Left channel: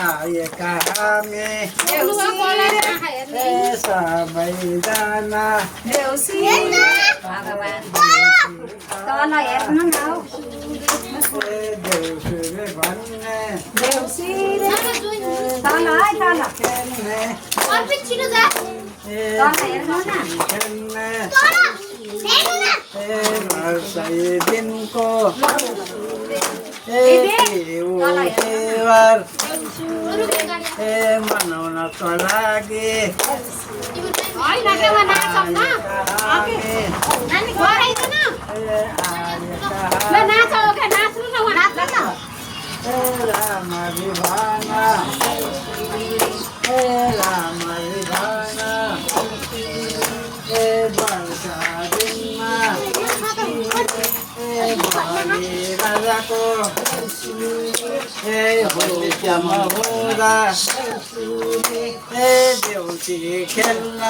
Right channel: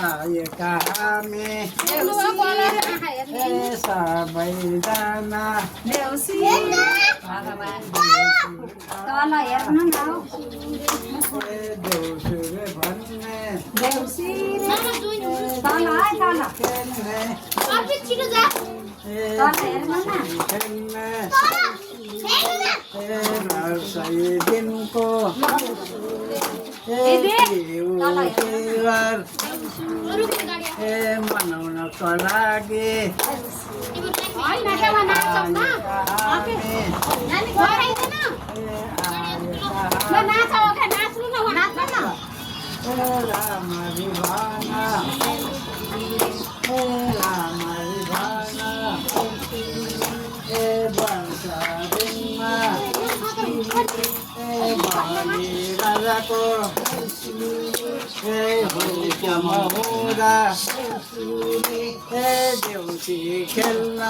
आएका हामी सबैजना तल हेर्नु न देउसुरे भन्ने देउसिरे तल है तल खेल्ने तल हेर्नु न खेल्ने वर्षै दिनको तिहार मनाउनको लागि रामरी भाना रामरी भाना वर्षा दिनमा राजाको होलीमा हुँदा देउसी खेल्न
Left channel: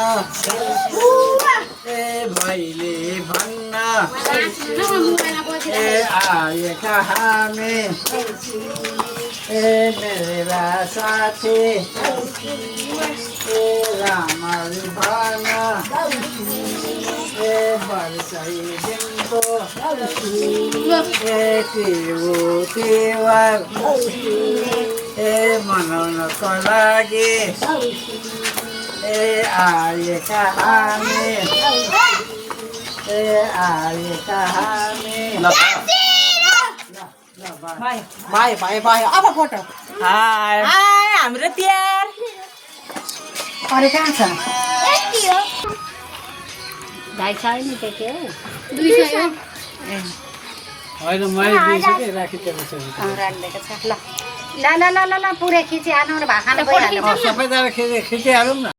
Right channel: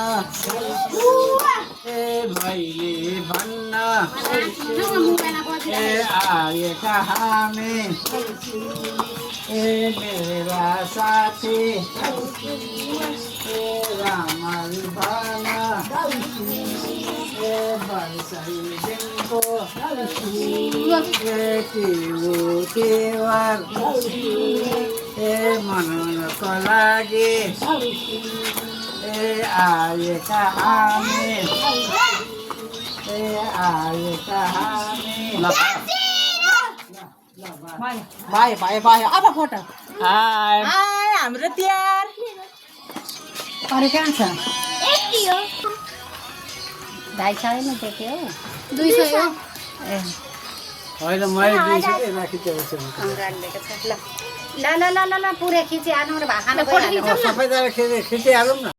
भैली भन्न आएका हामी मेरा साथी रामरी भाना वर्षै दिनको तिहार मनाउनको लागि आएका हामी भाइ भाइ भाइ अब फोटो हाय हाय हाम्रो तिहार अरे कहाँ छ भाइ छैन त्यो के 200 होइन मैले 200 राखिदिएको छु राखिदिएको छ ल ल ल ल ल पुरै खिचिहाल्नु र भाखाना गइहाल्नु सबैजना खिचिहालौँ न।